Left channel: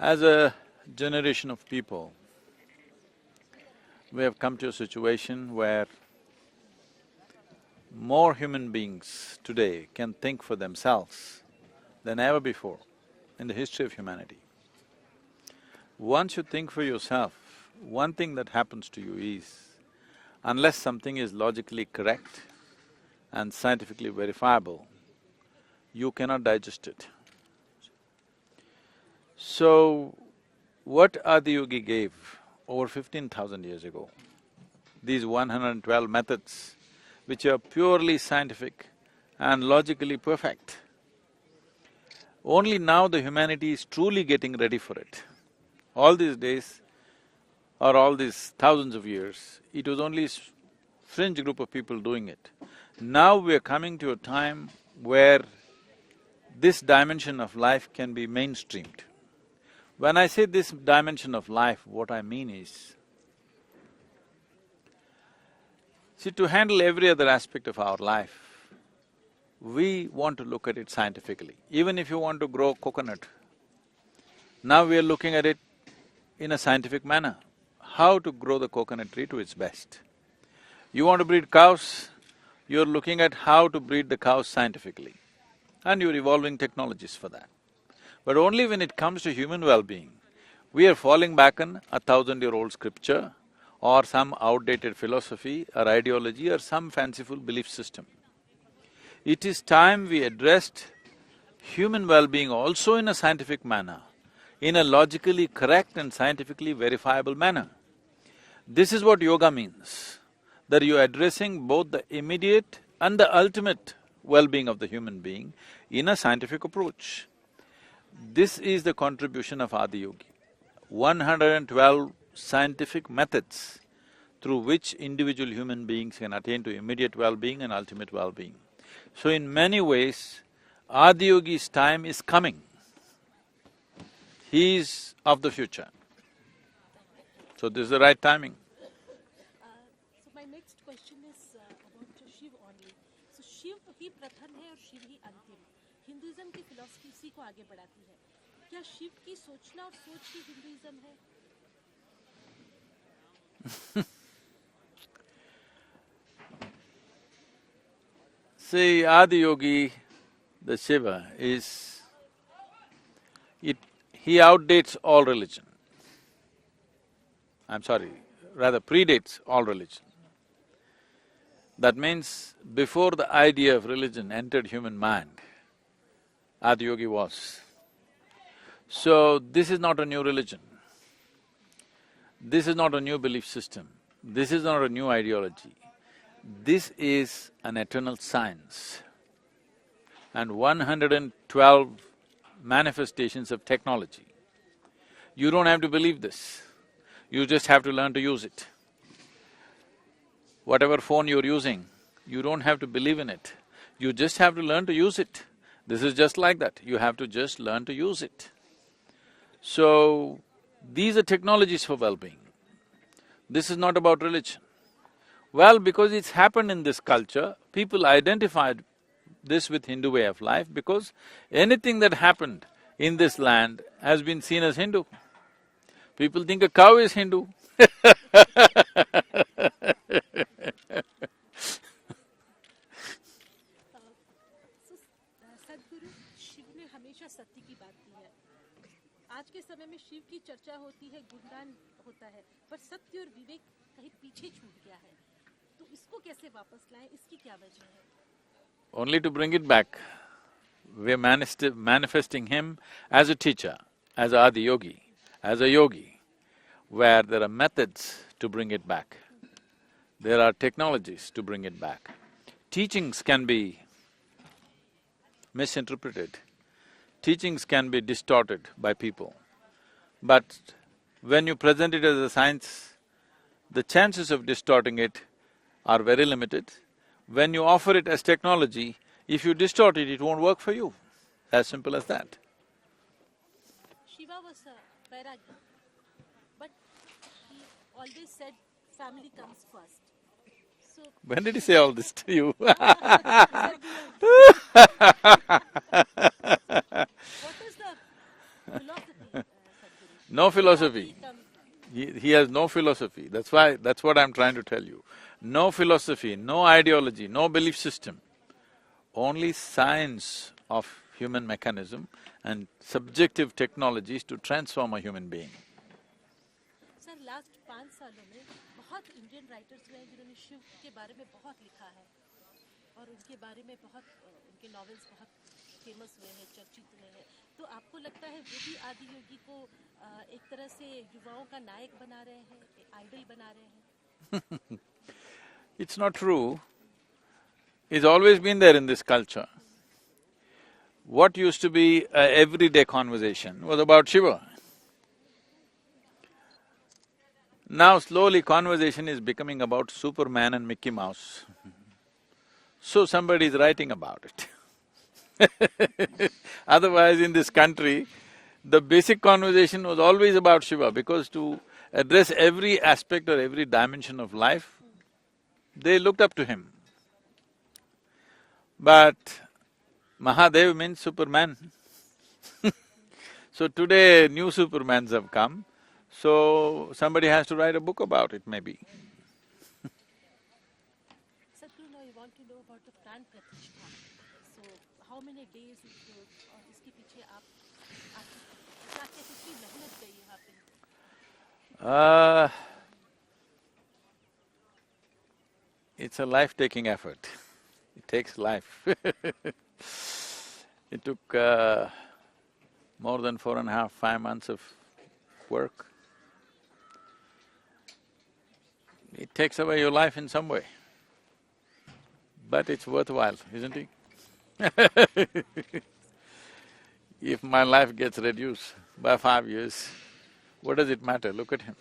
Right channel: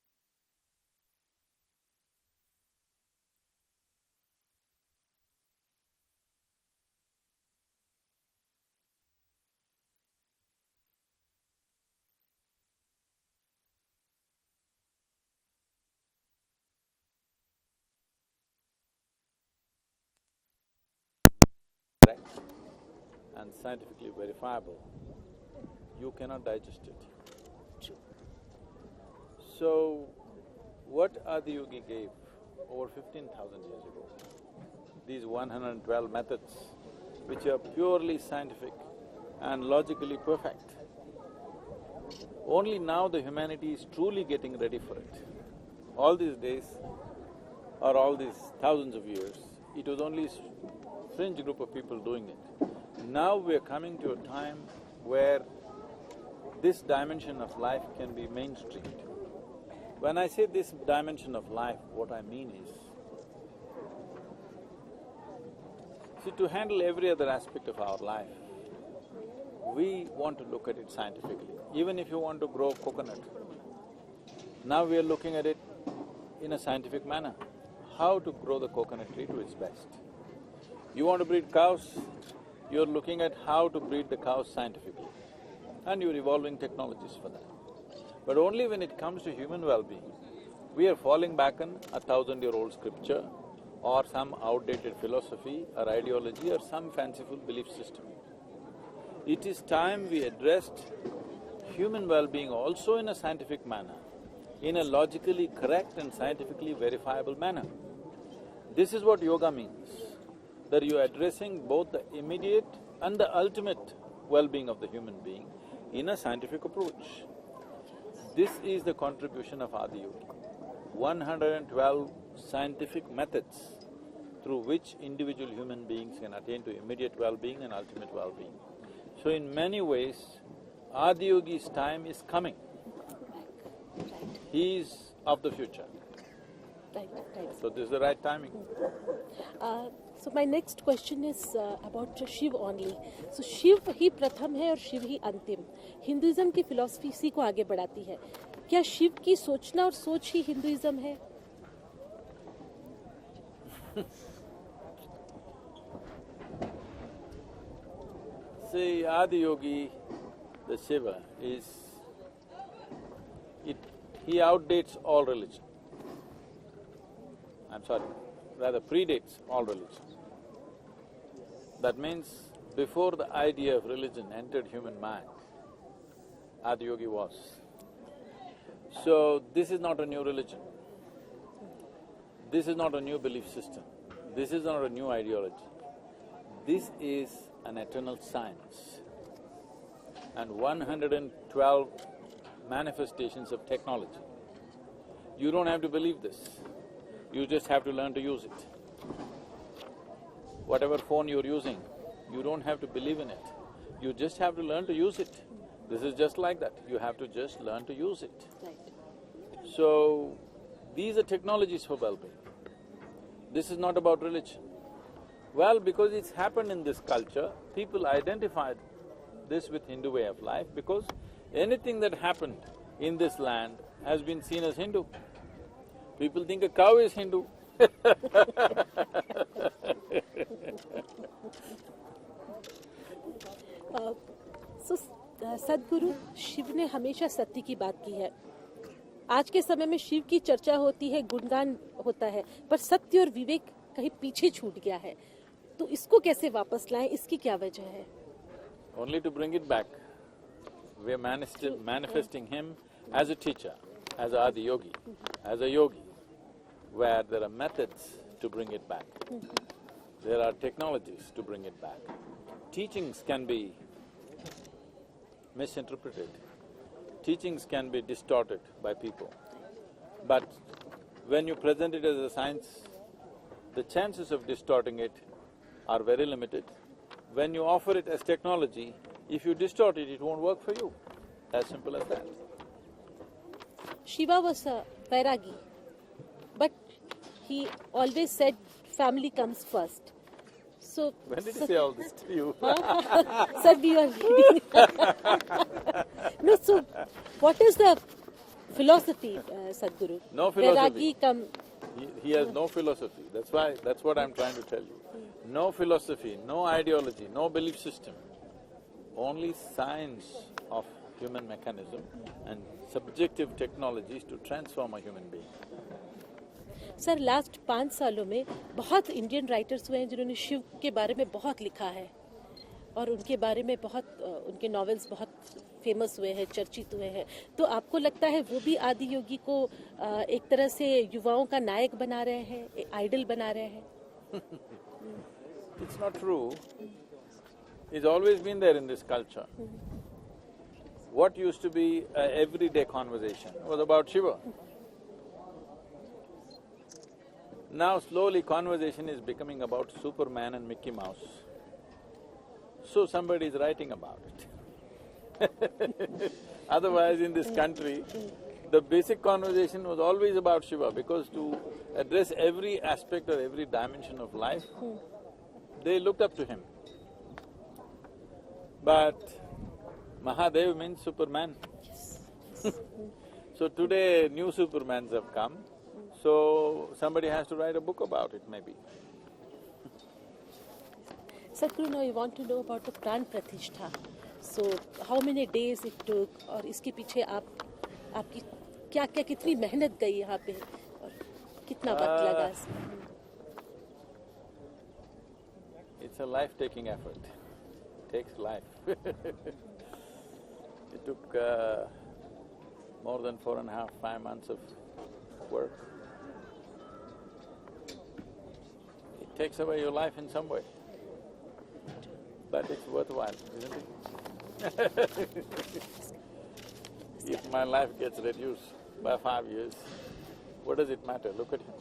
As a generation of people, we have come to a situation where more human beings today can think for themselves than ever before in the history of humanity. Once you think for yourself, one thing that happens to you is, unless something is logically correct and scientifically verifiable, you cannot digest it. So, what Adiyogi gave over 15,000 years ago, these 112 methods, which are purely scientific and logically perfect, only now the humanity is truly getting ready for it. All these days, or all these thousands of years, it was only fringe group of people doing it. Now we are coming to a time where this dimension of life can be mainstreamed. When I say this dimension of life, what I mean is, see, to handle every other aspect of our life, we want to look at it scientifically. Even if you want to grow coconut, now we are looking at it in a scientific manner, how to grow the coconut tree to its best. You want to breed cows, you're looking at how to breed the cows scientifically, and you're evolving technologies for that. But only when it comes to human well-being, we are falling back on 1,000-year-old scripture or some outdated philosophy or ideology or some fanciful belief system. It is time we addressed human well-being also in a scientific manner, in a logically correct and scientifically verifiable manner. This is what yoga means, that you're addressing both the immediate and the ultimate well-being of the human being in a scientific approach. This is the contribution of Adiyogi. 112 scientific methods through which individual human beings can attain to immediate well-being and ultimate well-being. So in many ways, Adiyogi's time is coming. He is of the future. So this is the right timing. So my next question is about Shiv only. So Shiv ही प्रथम है और शिव ही अंतिम। Hinduism की philosophy इसी को आगे बढ़ाती है। क्या शिव की सोचना और सोच ही हिंदुइज्म है? See, Adiyogi, the Shiva, he outdates all religion. I'm sorry, rather predates all religion. That means before the idea of religion entered human mind, Adiyogi was. So this is not a new religion. This is not a new belief system. This is not a new ideology. This is an eternal science. And 112 manifestations of technology. You don't have to believe this, you just have to learn to use it. Whatever phone you're using, you don't have to believe in it, you just have to learn to use it. This is just like that, you have to just learn to use it. So, these are technologies for well-being. This is not about religion. Well, because it's happened in this culture, people identified this with Hindu way of life because anything that happened in this land has been seen as Hindu. People think a cow is Hindu. सदगुरु शिव ने हमेशा सत्य की बात की है। आज के समय में शिव की चर्चा होती है, गुणगान होता है, पर सत्य और विवेक कहीं पीछे छूट गया है। तो इसको कैसे वापस लाएं, इसकी क्या वजह है? Only to bring it back. We are manifesting him as a teacher, as a Adiyogi, as a yogi, where there are methods to bring it back. There are technologies to bring it back. Teachings can be misinterpreted, teachings can be distorted by people. But when you present it as a science, the chances of distorting it are very limited. When you offer it as technology, if you distort it, it won't work for you. As simple as that. Shiva was a Vairagi, but he always said family comes first. So… When did he say all this to you? Sir, we are… No, so what is the philosophy, Sadguru. No philosophy. Vairagi come He has no philosophy, that's what I'm trying to tell you. No philosophy, no ideology, no belief system. Only science of human mechanism and subjective technologies to transform a human being. Sir last 5 सालों में बहुत Indian writers हुए हैं जिन्होंने शिव के बारे में बहुत लिखा है और उनके बारे में बहुत उनके नॉवेल्स बहुत फेमस हुए हैं, चर्चित हुए हैं। तो आपको लगता है वो भी आदि योगी को एक तरह से युवाओं का नायक बना रहे हैं, आइडल बना रहे हैं? It's not true. It's always been there in this culture. What used to be an everyday conversation was about Shiva. Now slowly conversation is becoming about Superman and Mickey Mouse. So somebody is writing about it. Otherwise in this country, the basic conversation was always about Shiva because to address every aspect or every dimension of life, they looked up to him. But Mahadev means Superman. So today new Supermans have come, so somebody has to write a book about it maybe. Sadhguru, now you want to know about the प्राण प्रतिष्ठा. So how many days it took और इसके पीछे आपकी क्या-क्या कितनी मेहनत गई यहाँ पे और कितना वक्त लगा? It's a life-taking effort. It takes life. It took more than 4.5, 5 months of work. It takes away your life in some way, but it's worthwhile, isn't it? If my life gets reduced by 5 years, what does it matter? Look at him.